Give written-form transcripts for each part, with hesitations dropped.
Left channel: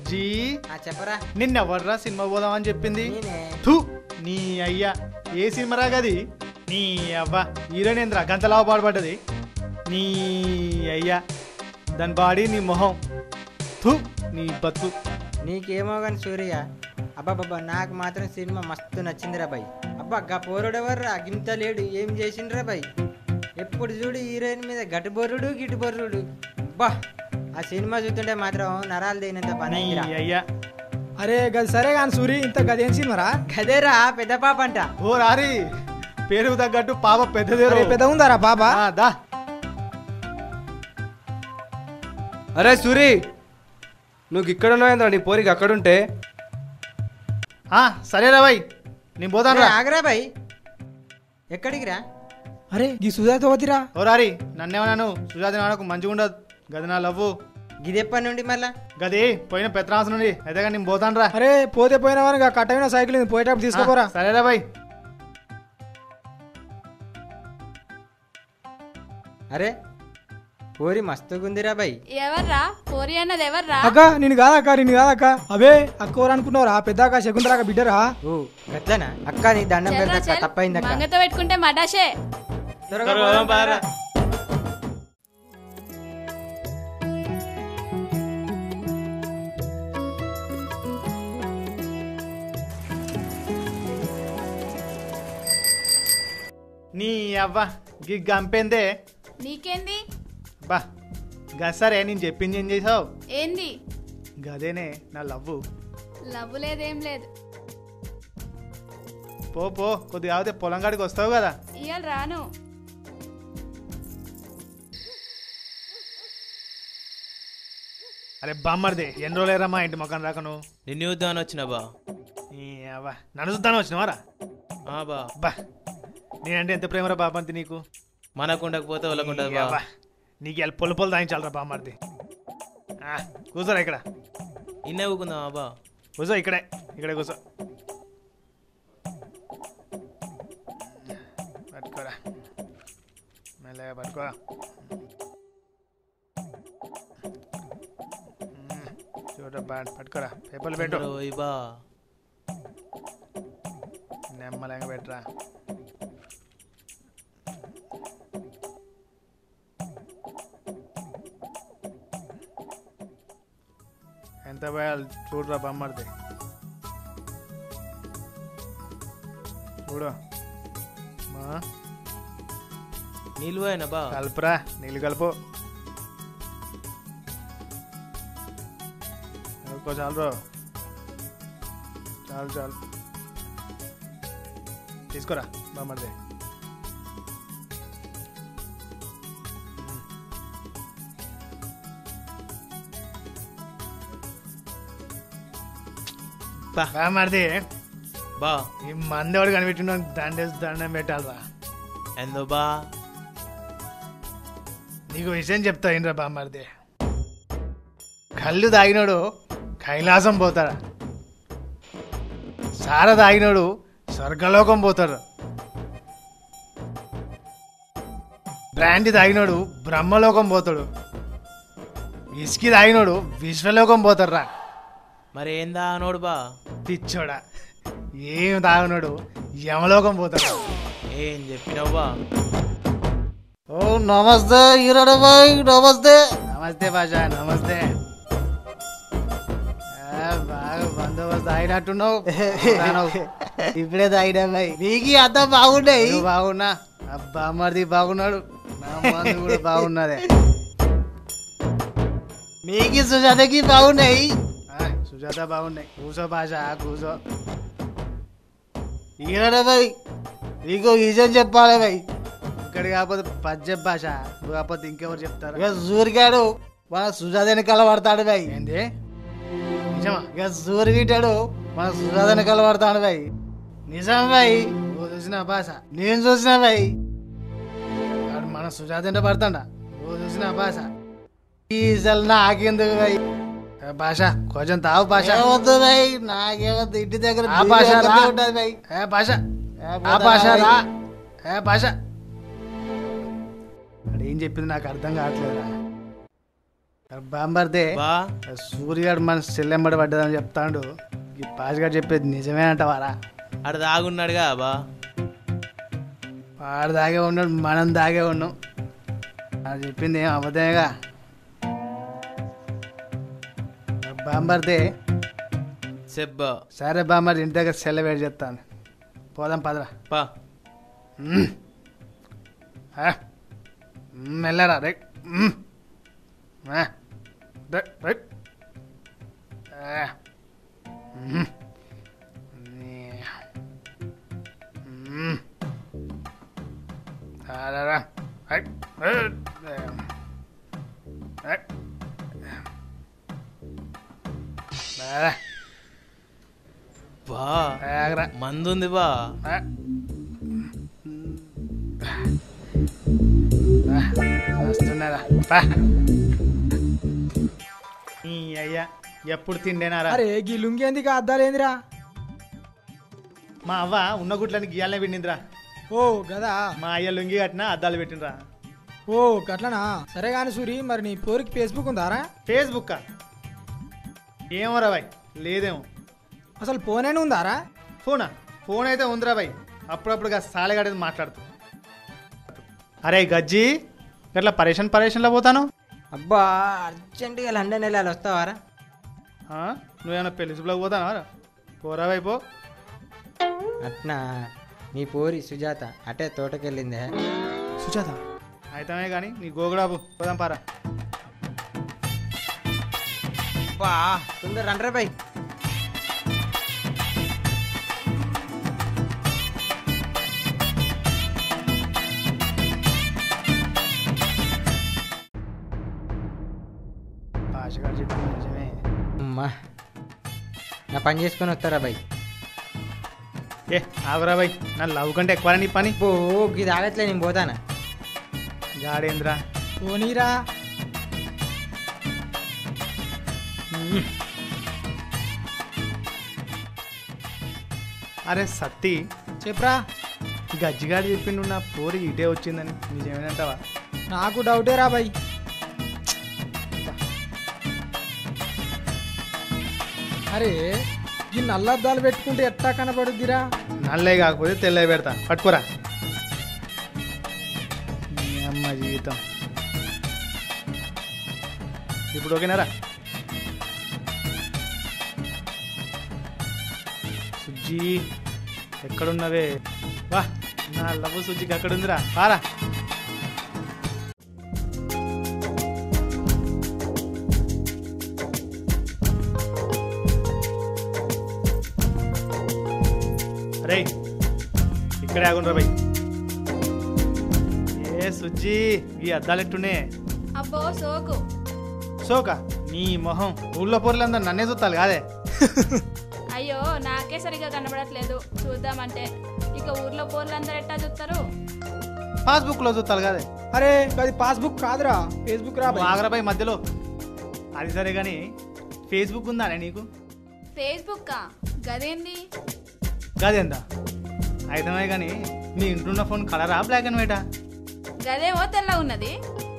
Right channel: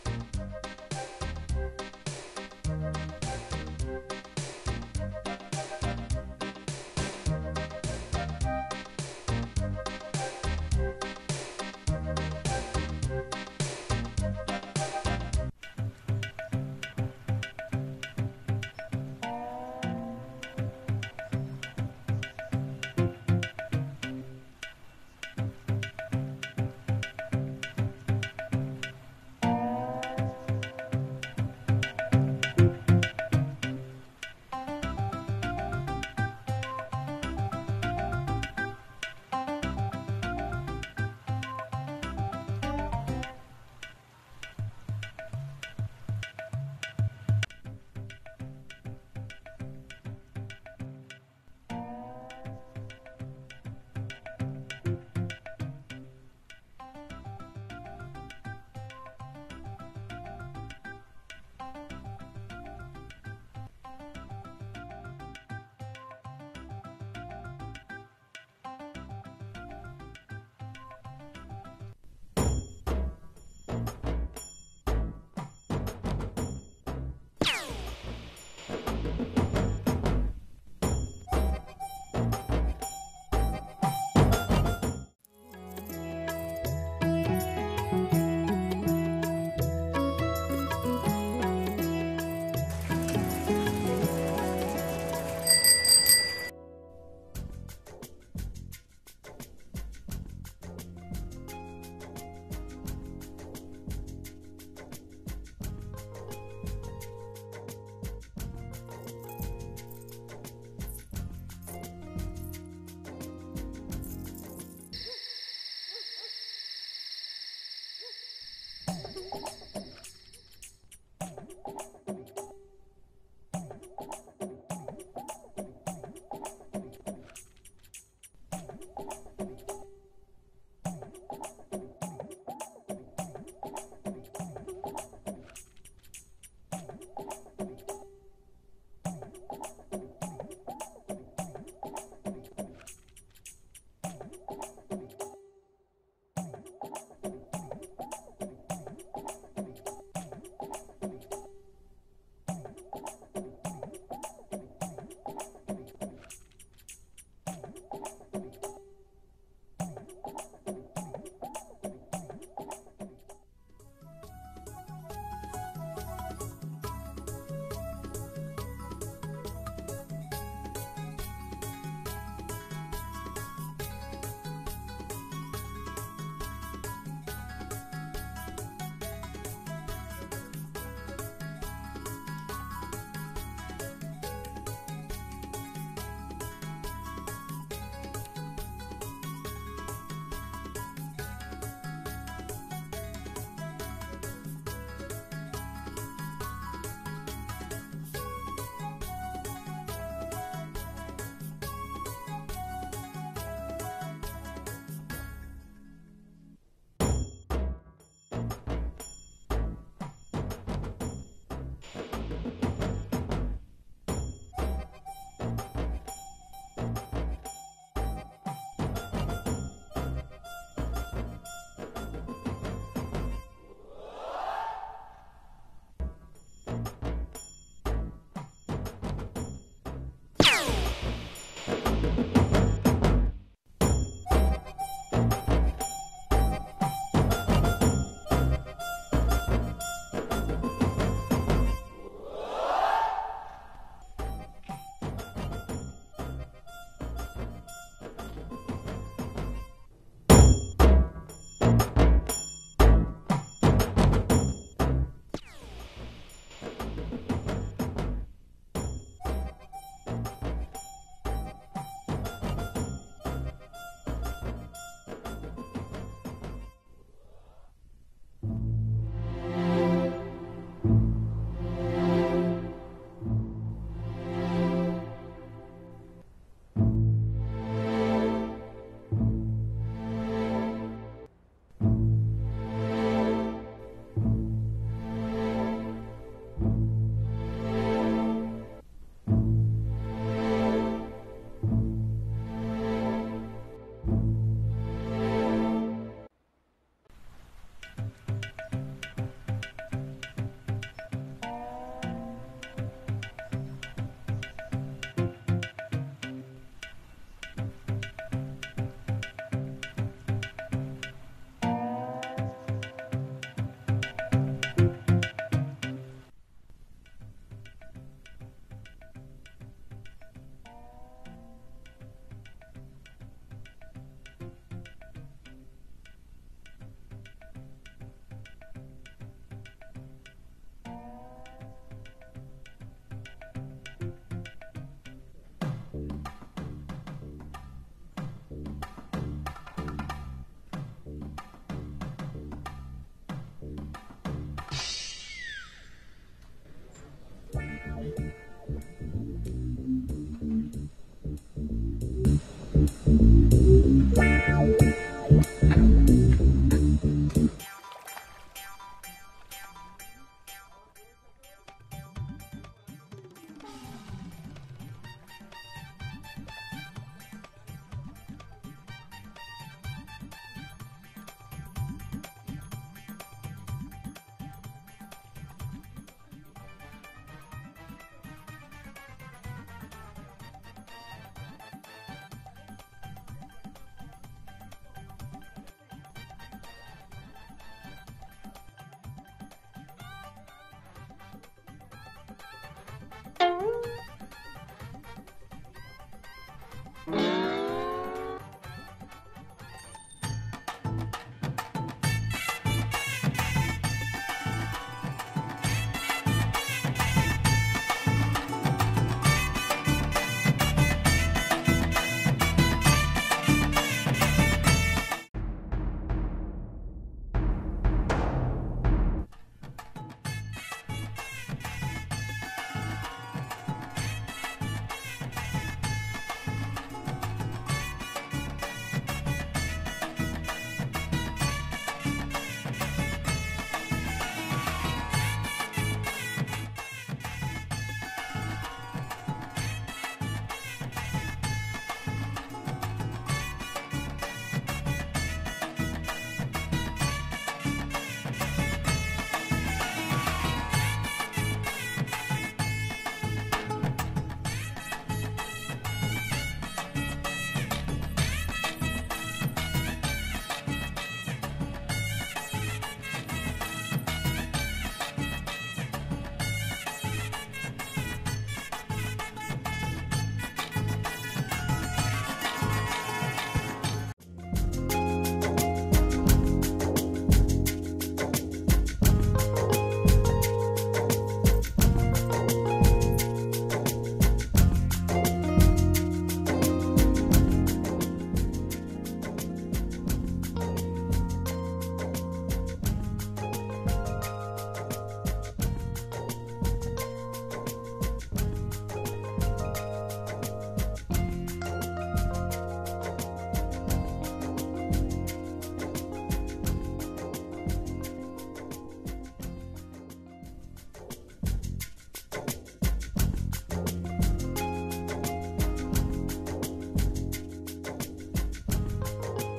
బజ్జీ చెప్పరా నిన్నెవర్రా సినిమా పోదామని చెప్పింది? థూ నీ అయ్యా ఏ సినిమా రాగది? నీ అవ్వ హీరోయిన్ గంతలావ పాడుపడ్డది. నీ అయ్యా దాని బాడీ నీ మొహం. థూ నీ బతు. నీకేమో కానీ సూర్య అబ్బాబ్బా నాకు మాత్రం సినిమా మస్తు నచ్చిందిరా బాయ్. అబ్బా గా పోరుడెవర్రా గింత లేడు ఏం చేసిండ్రా బాయ్. ఎప్పుడు చూడు హీరోయిన్ మీద గటు బొర్రుడు గిటు బొర్రుడు. అబ్బా ఆ సినిమా చూస్తుంటే మాత్రం నరాలు తగినంత పని అయ్యా. అరే గది సరే కానీ సూరి ఇంత గదేం సినిమారా? గదేరా పెద్ద పాప అంట. ఓ రారి పేరు తగ్గట్టు పాప పెద్దదే. పెద్ద ఉందారా బాబా? దా. అరే సూరి నువ్వు ఇక్కడ ఉన్నావేంద్రా నీ పోరికి అక్కడుంటే? సరేరా బాయ్ నేను పోతాను. ఆగరా బాయ్ ఎక్కడికి రా? అరే ఈ సుజాత వదిరా. ఓ రారి నన్నేమన్నాను సుజాత నాన్నకు మంచిగా ఉండదు గది నా లవ్వు. గిదెప్పటి నుండి మళ్ళా? గది పోయిన పెత్తనాసం నుండి అయితే కానీ నేను పోతాను రా. అరే పోతే పోయిన వారికి కట్టమైన సైకిల్ పోయేటప్పుడు తీసుకోపోరా. సరేరా బాయ్. అరే పోరి మస్తుగుందిరా బాయ్. ఎవర్రా పోరి అన్నది? ఎవర్రా? అక్క నేను కాదక్క నేను కాదక్క. అవే అక్కవరు అనుకున్నావురా పెద్దాక శకుంతలాక బిడ్డరా. ఓ గట్లనా అక్క నీ దండం పెడతా తప్పైంది అక్క. మంగతో పెట్టుకుంటే మడాషే. నీ అవ్వ గంపేందే నీకేంది? బా గసరే నేను చెప్పింది ఏం చేసావు? ఏంది? గదేనే నా లవ్వు. లవ్వు లేదేం లేదు. పో పో కొద్దిగా ఆగితే పొలం కాడికి వస్తావు కదా. ఇయ్యాలి రాను. అరే బామ్మర్ది ఎన్ని రోజులేరమ్మా ఇంటి మొక్కను రాకను? నిన్ను చూద్దామని వచ్చినా బా. నన్ను చూద్దాను వచ్చినవారా? బా బా నేనంటే ఎంత ప్రేమరా బాబంతి నీకు. మనకు ఉండకపోతే వాళ్ళకుండదు బా. నీకు ఇలా పొలు పొలు తాగించాలరా బామ్మర్ది. కూర్చోరా ఇక్కడ. ఇన్నే ఊకుందామా బా? కూర్చో ఇక్కడే ఇక్కడే కూర్చో. పట్టుకోరా మెల్లగా పట్టుకోరా. పట్టుకోరా పేపర్లు పెట్టు. బా నెమ్మలంగా పెట్టరా. ఎంత పోయాలి చూడరా బొమ్మడితే చూడు. నీళ్ళు పోయినా బా? కలుపురా నీళ్ళు కలుపు. కలుపు చాలు బ్రో చాలు చాలు. తీసుకోరా బొమ్మడితే. బామ్మడితే బా ఈ మందేవాడు కనిపెట్టిన దండం పెట్టాలరా. ఎందు బా? నీకు విషయం చెప్తా ఏంట్రా బామ్మర్ది. కళ్ళు తాగినోడు కైలాసం పోతాడు, సార తాగినోడు స్వర్గలోకం పోతాడు, బ్రాండి తాగినోడు బ్రహ్మలోకం పోతాడు, ఇసుకి తాగినోడు విశ్వలోకం పోతాడురా. మరి ఏం తాగనోడు బా? తిచ్చోడా ఏం తాగినోడు యమలోకం పోతాడు. ఏం చెప్పినావు బా? ఓ నమస్తే హీరోడు బాయ్. నమస్తే నమస్తే బాషా నమస్తే. బాగా బందోబస్తు అయినట్టున్నావు. ఇప్పుడే తాగినా బాయ్. నీకు అంత బాగున్నాయి. బాగున్నా అబ్బా మరిది బాగున్నాడు, కూడా బాగున్నదే. మీకు సుజాతకి బాగున్నాయి. సుజాత బాగున్నాయి. కూసో బాషా కూసో. హీరోడే బాయ్ నీకు విషయం చెప్పాలి బాయ్. ఇక్కడ కాకపోతే పద్యం భాష కాకపోతే ఇంకెవరు చెప్తారు? ఇక సూర్యగాడు మన సుజాత వెనకాల పడతాడు బాయ్. ఏంది నిజమా? ఇక సూర్య వింటాడు మన సుజాత వెనకాల పడతాడు బాయ్. నిజం బాయ్. ఓ చూసిన భాష నేను చూసిన బాయ్. మన సుజాత అంటే పడతాడా? ఓ చూసిన భాష అసలు నాకెందుకు బాయ్ భాష కొంచెం తావు భాష. వద్దు బాయ్ నాకేమద్దు. ఇంటి దగ్గర ఆ భాష రా. ఉంటుంది బాయ్. ఏ భాష ఆ భాష రా. ఏ భాష ఏం చెప్పింది నాకు అర్థం కావట్లేదు. బాంబర్దే బా సూర్యగాడు మన సెల్లెంబడి పడ్డదని చెప్తాడు ఈ పాజిగాడు చెప్పేది నిజమేనంటవారా ఆడ దాగున్నాడుగా బా వాడు దాగే ఉన్నాడు మనం దాగే ఉన్నాం అది చెప్పింది ఏం అబద్ధమేగా బాంబర్దే సెబ్బ సరే బాంబర్ ఇంటి దగ్గర సెల్ల వేడి చెప్తాను పోదాం పదరా పా మెల్లరా రైట్ రైట్ బా మందుంది బా అయ్యా ఎప్పుడు తిండేనారా అరే గీ లుంగి ఎందుకు అద్దాలేందిరా మా అవ్వ ఉన్న గుట్లని గీయాలనే పెట్టిందిరా ఓ గదా మా అయ్య లుంగి కట్టినా అద్దాలు పెట్టినరా ఓ గట్లనా సరే కానీ సూరి మరి నీ పోరికి ఫేస్బుక్ ఉందారా ఫేస్బుక్ ఏమో రా బాయ్ లేదేమో అసలు ఫోన్ ఉందారా ఫోన్ అయితే ఉందిరా బాయ్ అప్పుడప్పుడు సాలెగాడేది మాట్లాడుతూ అరే గజ్జి గట్లా పరేషన్లో పోతాను అబ్బా అర్జెంటుగా లండన్ వెళ్ళాలి వస్తావారా నువ్వేమన్నా పెళ్లి శుభ్లకు పోతానా పోరా వైపో అట్నా నీ పోరి సుజాత అటే తోటకెళ్ళిందే సుజాత అయితమే కానీ నీ గోగుడాబు పోదాం పారా వా తొందర రండ్రే బై అమ్మా నా పని చేసుకొని వస్తారా బై ఏ ఆగురా బాయ్ నా లవ్ కంటే ఎక్కువ నీ పని ఓ ఇది ఆగట్లే నేను పోతానా గాడేంద్రా పోనీరా అరే సత్తి చెప్పరా గజ్జిగాడు చెప్పిండు నా పోరి ఇదే వచ్చిందని నిజమేనంటావా నాకు డౌటే రా బై అరే ఈ నల్లద్దాలు పెట్టుకుంటే ఎట్టా కనపడుద్దిరా నల్లే కాకపోతే తెల్లే పెడతా పట్టుకోరా నీ అమ్మ జీవితం ఇప్పుడు ఓకేనారా సుజ్జి ఎక్కడున్నవే వా నా లవ్ సుజ్జికి ఎక్కడుందిరా కారా అరే ఇక్కడే ఆగుండ్రా బై ఏ సుజ్జి ఈ అద్దాలు ఎట్టునే అబ్బో సోకు సోక నీ మొహం ఊళ్ళో పొరలందరూ నన్నే చూస్తాను కాదే అయ్యో నాకే సరిగా కనబడట్లేదు చూద్దామంటే ఇక ఊర్లో పోర్లందరూ ఎట్టా చూస్తారు పాస్బుక్లో చూస్తాను కాదే అరే అది పాస్బుక్ కాదురా ఫేస్బుక్ రా బై ఆగ్రాబాయ్ మధ్యలో అది సరే కానీ ఫేస్బుక్ ఉందానే నీకు ఫేస్బుక్ గదేంది కాదేందా అయితే కానీ నీ ఇంట్లో ఫోన్ కలరా బ్లాక్ అండ్ వైటా గదేమో తెల్ల ఉన్నది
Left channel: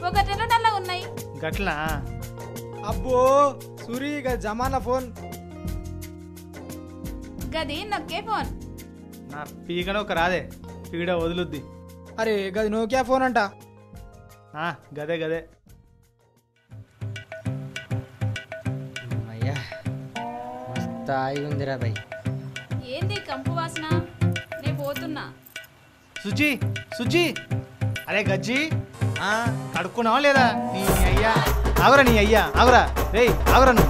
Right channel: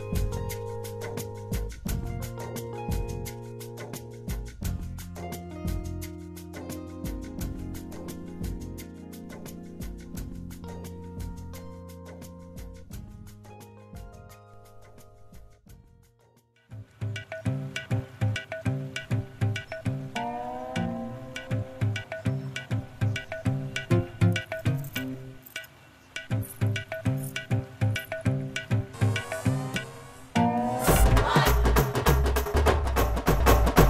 ఒకటేమో నల్ల ఉన్నాయి గట్లా అబ్బో సూరి ఇక జమానా ఫోన్ గది నొక్కే ఫోన్ నా పీకన ఒక రాదే పీడ వదులుద్ది అరే గది నోకియా ఫోన్ అంట గదే గదే అయ్యా తాయి ఉందిరా బై ఏంది కంపు వాసన నేను పోతున్నా సుజి సుజి అరే గజ్జి కడుక్కున్నావా లేదా నీ అయ్యా ఆగురా నీ అయ్యా ఆగురా రే ఆగురా నువ్వు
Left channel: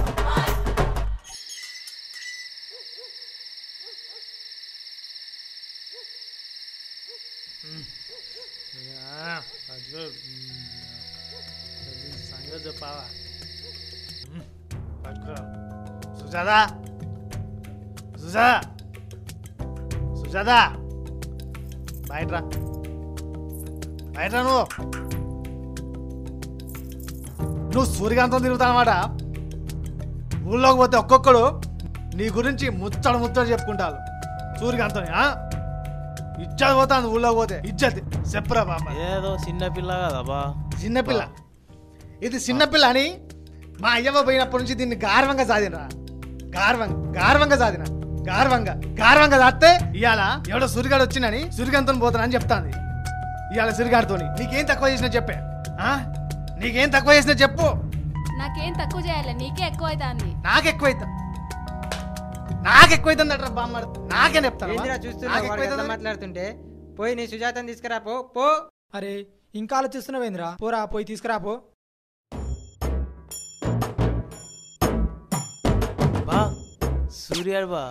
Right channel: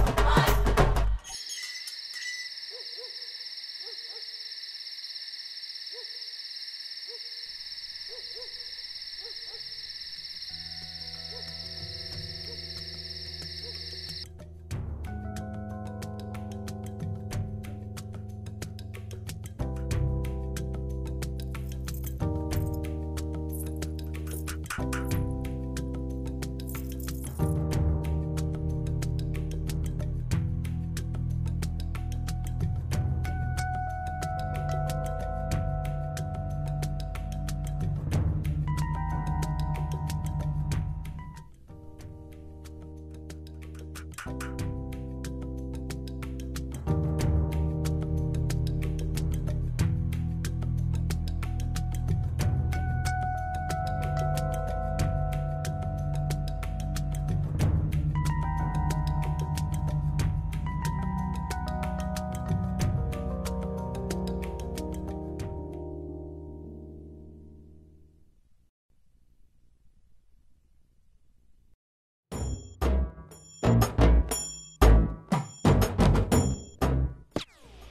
సుజాదా సుజా సుజాదా బయటరా బయటరా నువ్వు సూర్యకాంతం తిరుగుతానమాట ఊళ్ళోకి పోతే ఒక్కొక్కడు నీ గురించి ముచ్చడు చెప్పుకుంటారు సూర్యకాంతం ఇచ్చేది పోతాను ఊళ్ళోకి పోతే ఇచ్చేది చెప్పరా బామ్మ ఏదో చిన్న పిల్ల కదా బా చిన్నపిల్ల ఇది చిన్నపిల్ల అని మా అయ్యవ్వ పోయినప్పటి నుంచి దీన్ని గార్వంగా సాధినా గార్వంగా సాధినా గార్వంగా సాస్తే ఇవాళ ఎవడో సురిగాడు వచ్చినని సురిగంతో పోతానని అని చెప్తాంది. ఇవాళ సురిగాడితో నీకేం తక్కువ చేసినా చెప్పే, నీకేం తక్కువ చేసినా చెప్పు. నాకేం తక్కువ చేయాలి, నీకే ఎక్కువ అవుతుంది. నాకెక్కువైతుంది అట్రా బామ్మ, నాకే చెప్తాను. ఏందిరా చూస్తున్నావు వాడు ఎట్లా మాట్లాడుతుంటే? పోయి నీ సుజాతని తీసుకురా పో. అరే ఇంకా ఆలోచిస్తున్నావేంద్రా, పోరా పోయి తీసుకురా పో. బా సూర్యాడు బా.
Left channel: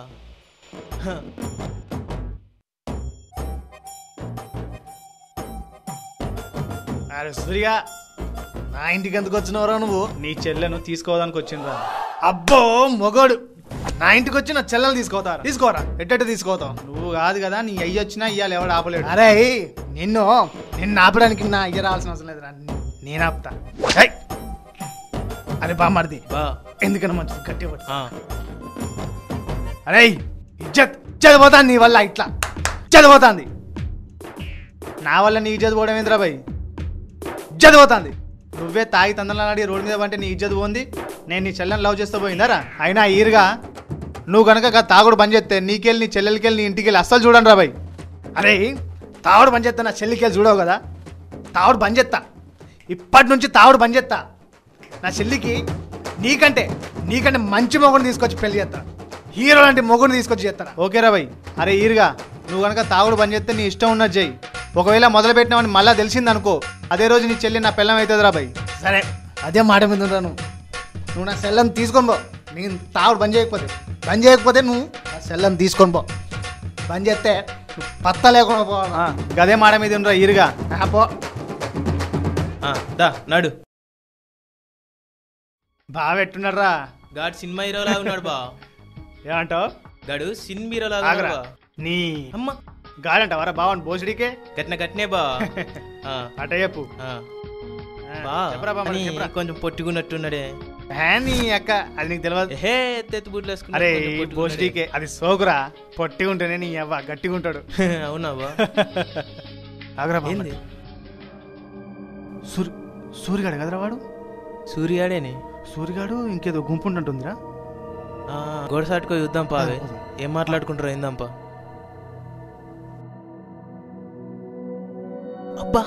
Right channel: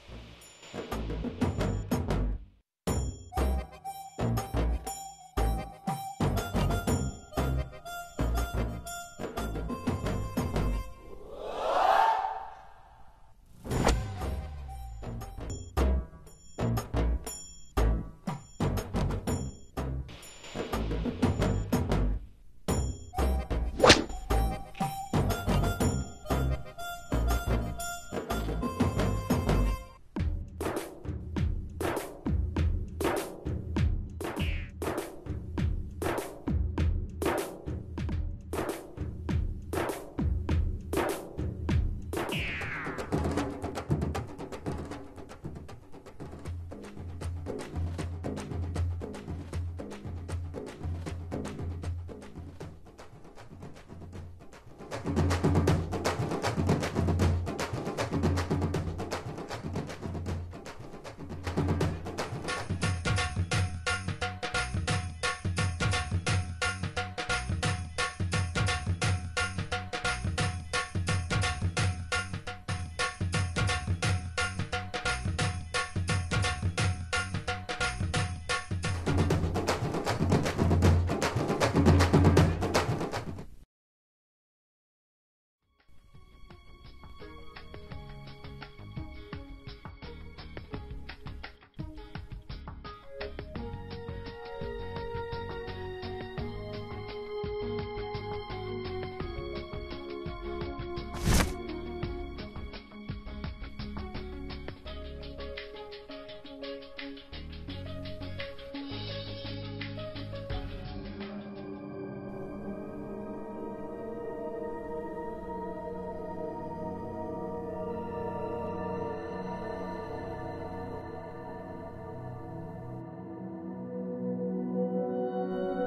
అరే సూర్య, నా ఇంటికి ఎందుకు వచ్చినవరా నువ్వు? నీ చెల్లెను తీసుకోవడానికి వచ్చిందా? అబ్బో మొగోడు, నా ఇంటికి వచ్చి నా చెల్లెలు తీసుకోరా. ఎట్టట్టు తీసుకోతావు? నువ్వు కాదు కదా, నీ అయ్యి వచ్చినా ఇయ్యాలి, ఎవడు ఆపలేడు. అరే నిన్ను ఆపడానికి నా అయ్య రావాల్సిన అవసరం లేదు, నేను ఆపుతా. అరే బామ్మర్ది, బా ఎందుకన్నా మంచిది కట్టి ఆ. అరే చదిపోతాను నీ వల్ల, ఇట్లా చదిపోతాంది నా వల్ల. నీ ఇజ్జత్ పోవడం ఏంద్రా భయ్? చదిపోతాంది. నువ్వే తాగి తందనాడి రోడ్డు మీద అంటే నీ ఇజ్జత్ పోంది. నేను నీ చెల్లెని లవ్ చేస్తూ పోయిందారా? అయినా ఈరుగా నువ్వు కనుక తాగుడు బంద్ చేస్తే నీకెళ్ళి నీ చెల్లెలకెళ్ళి నీ ఇంటికి వెళ్ళి అస్సలు చూడండి రా భయ్. అరే తాగుడు బంద్ చేస్తా, నా చెల్లికి వెళ్ళి చూడవు కదా. తాగుడు బంద్ చేస్తా, ఇప్పటి నుంచి తాగుడు బంద్ చేస్తా. నా చెల్లికి నీకంటే మంచి మొగుడిని తీసుకొచ్చి పెళ్లి చేస్తా. హీరో లాంటి మొగుడిని తీసుకొచ్చి చేస్తాను. ఓకేరా భయ్? అరే ఈరుగా నువ్వు కనుక తాగుడు బంద్ చేస్తే నీ ఇష్టం ఉన్నది చెయ్యి. ఒకవేళ మొదలు పెట్టినామని మళ్ళీ తెలిసింది అనుకో, అదే రోజు నీ చెల్లి నా పిల్లం అవుతుంది రా భయ్. సరే అదే మాట మీద ఉంటాను. నువ్వు నా సెల్లం తీసుకొని పో. నేను తాగుడు బంద్ చేయకపోతే నువ్వు నా సెల్లం తీసుకొని పో. బంద్ చేస్తే పత్త లేకుండా పో. అదే మాట మీద ఉండరా ఈరుగా. పో దా నడు. బాగా పెట్టున్నాడు రా. గాడు సినిమా హీరో లాగా ఉన్నాడు బా. ఏమంటావు? గాడు సినిమా హీరో లాగా ఉన్నాడు బా. నీ అమ్మ గాడంట వరా బావని బోసుడికే గట్నే బా. అట చెప్పు. బా చెప్పరా కొంచెం పొట్టుకున్నట్టున్నాడే. నీ అక్క అది నీకు తెలియదు. హే ఎత్తెత్తు బుడ్లు వేసుకున్నా. అరే బోసుడికే అది సోకురా. పొట్టి ఉంటేనే నీ అవ్వ గట్టిగా ఉంటాడు. అవునా బా? ఏంది సూర్యగాడు కదరా వాడు? సూర్యాడేని. సూర్యగాడు ఇంకేదో గుంపు ఉంటుందిరా. గోడసాటుకో చూద్దాం పా. అవే ఏం మాట్లాడుకుంటారో ఏందాంపా. అబ్బా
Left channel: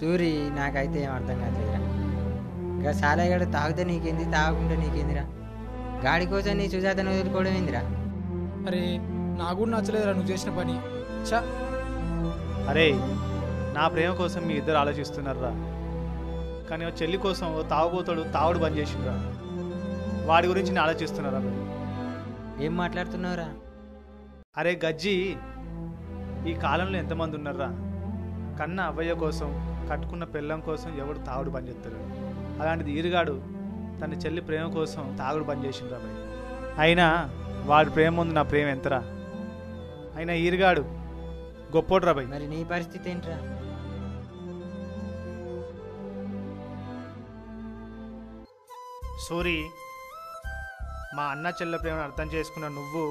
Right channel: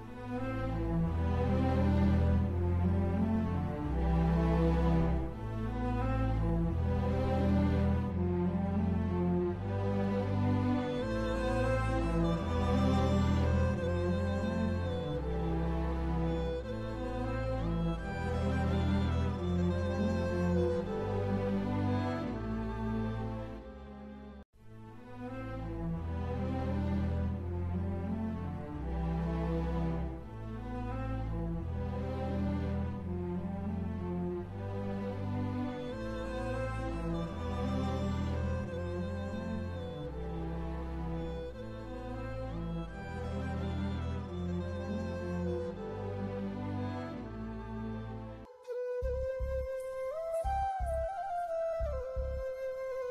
సూరి నాకైతే ఏం అర్థం కాదురా. ఇక సాలయ్యగాడు తాగితే నీకేంది, తాగకుండా నీకేందిరా? గాడి కోసం నీ సుజాతను వదులుకోవడం ఏందిరా? అరే నాకు కూడా నచ్చలేదురా నువ్వు చేసిన పని. చా అరే నా ప్రేమ కోసం మీ ఇద్దరు ఆలోచిస్తున్నారా? కానీ ఓ చెల్లి కోసం ఓ తాగుబోతాడు తాగుడు బంద్ చేసిండ్రా. వాడి గురించి నేను ఆలోచిస్తున్నారా? ఏం మాట్లాడుతున్నావురా? అరే గజ్జి, ఈ కాలంలో ఎంతమంది ఉన్నారా? కన్న అవ్వయ్య కోసం, కట్టుకున్న పెళ్ళం కోసం ఎవడు తాగుడు బంద్ చేస్తాడు. అలాంటిది ఈరుగాడు తన చెల్లి ప్రేమ కోసం తాగుడు బంద్ చేసిండ్రా. అయినా వాడి ప్రేమ ముందు నా ప్రేమ ఎంతరా? అయినా ఈరుగాడు గొప్పోడ్రా భయ్. మరి నీ పరిస్థితి ఏంట్రా? సూరి, మా అన్న చెల్లె ప్రేమను అర్థం చేసుకున్న నువ్వు,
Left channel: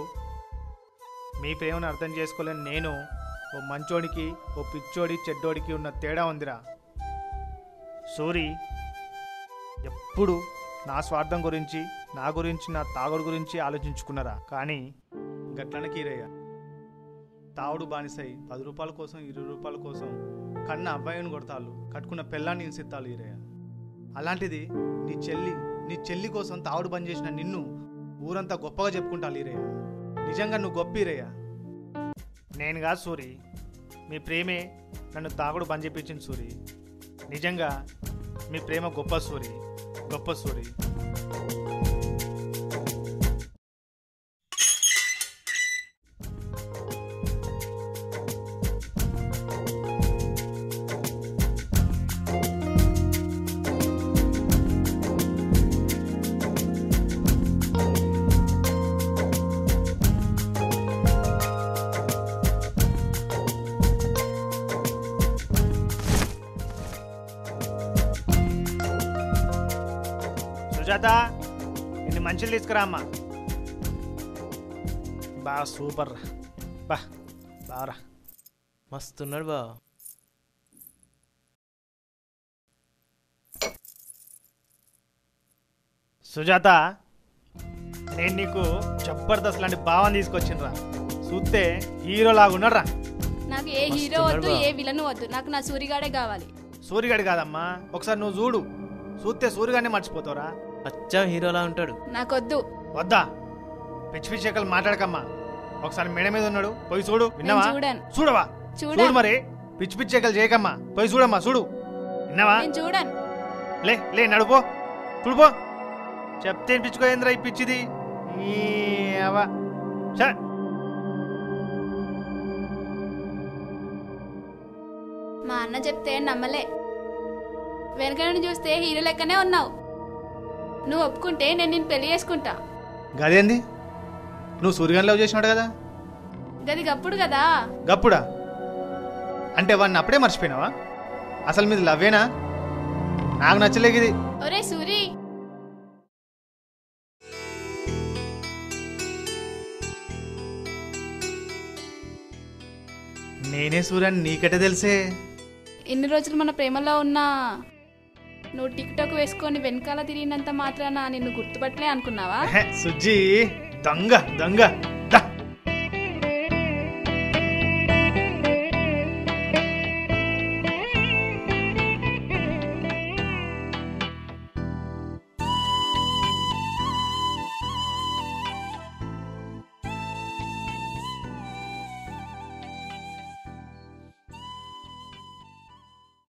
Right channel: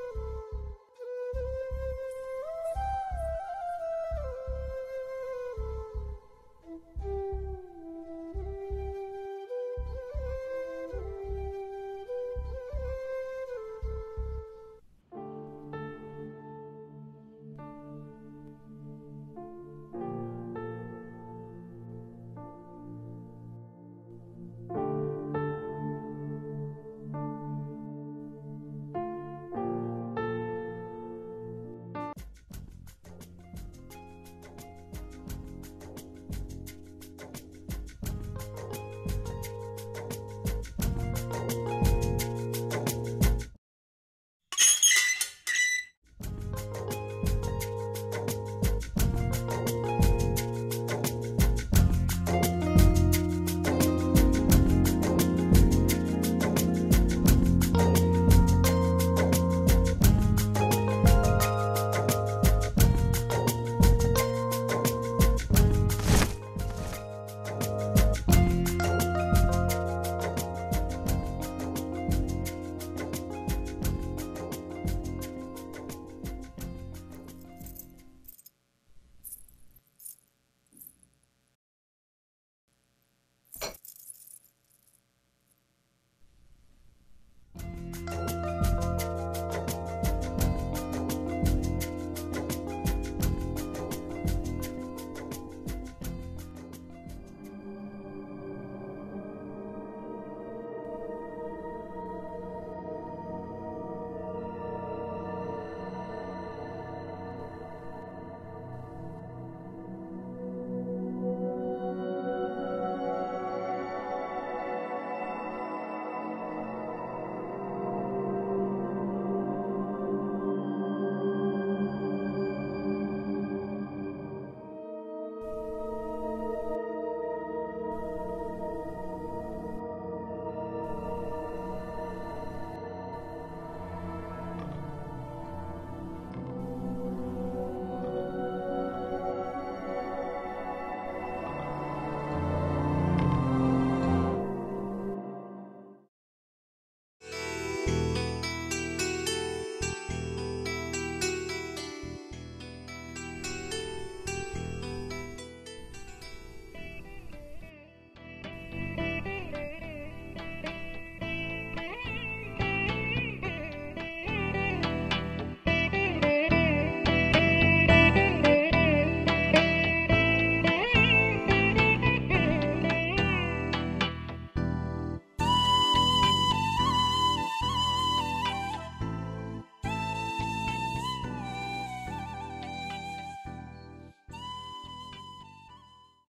మీ ప్రేమను అర్థం చేసుకోలేని నేను, ఓ మంచోడికి ఓ పిచ్చోడి చెడ్డోడికి ఉన్న తేడా ఉందిరా. సూరి ఎప్పుడు నా స్వార్థం గురించి, నా గురించి, నా తాగుడు గురించి ఆలోచించుకున్నారా? కానీ గట్లనే కీరయ్య తాగుడు బానిసై 10 రూపాయల కోసం 20 రూపాయల కోసం కన్న అబ్బాయిని కొడతాళ్ళు, కట్టుకున్న పెళ్ళాన్ని హింసిస్తాళ్ళు ఈరయ్య. అలాంటిది నీ చెల్లి కోసం తాగుడు బంద్ చేసిన నిన్ను ఊరంతా గొప్పగా చెప్పుకుంటారు ఈరయ్య. నిజంగా నువ్వు గొప్ప ఈరయ్య. నేను కాదు సూరి, మీ ప్రేమే నన్ను తాగుడు బంద్ చేయించింది సూరి. నిజంగా మీ ప్రేమ గొప్ప సూరి, గొప్ప సూరి. ఇక్కడ అమ్మ బా సూపర్ బా బారా మస్తున్నాడు బా. సుజాత నేను నీకు జబర్దస్త్ లాంటి భావం తీసుకొచ్చిండ్రా చూస్తే హీరో లాగా ఉన్నారా. నాకు ఏ హీరో వద్దు, ఏ విలన్ వద్దు, నాకు నా సూరిగాడే కావాలి. సూర్యగాడి కాదమ్మా, ఒకసారి నువ్వు చూడు, చూస్తే సూర్యగాడిని మర్చిపోతావురా. అచ్చం హీరోలా ఉంటాడు. నాకొద్దు. వద్దా పిచ్చి పిచ్చి ఎక్కలు మాట్లాడకమ్మా. ఒకసారి మేడ మీద ఉన్నాడు, పోయి చూడు. విన్నావా? చూడను. చూడవా? చూడను. చూడు మరి, పిచ్చి పిచ్చి ఎక్కలు చేయకమ్మా, పోయి చూడమ్మా. చూడు, విన్నావా? నేను చూడను. లే లే నడుపో, చూడుపో. చెప్తే పిచ్చుకోయిందిరా ఈ పిచ్చిది. ఈ అవ్వ. ఛ! మా అన్న చెప్తే నమ్మలే. వెనక నుండి చూస్తే హీరో లెక్కనే ఉన్నావు. నువ్వు ఒప్పుకుంటే నేను నిన్ను పెళ్లి చేసుకుంటా. గదేంది? నువ్వు సూర్యగాని లవ్ చేసినాడు కదా? గది గప్పుడు కదా. గప్పుడా? అంటే వాడిని అప్పుడే మర్చిపోయినావా? అసలు మీది లవ్వేనా? నాకు నచ్చలేదు ఇది. ఒరే సూరి, నేనే సూర్యాన్ని నీకటే తెలిసే. ఇన్ని రోజులు మన ప్రేమలో ఉన్నా నువ్వు టిక్ టాక్ వేసుకొని వెనకాల తిరిగినంత మాత్రాన నిన్ను గుర్తుపట్టలే అనుకున్నావా? సుజ్జి దొంగ దొంగ. దా.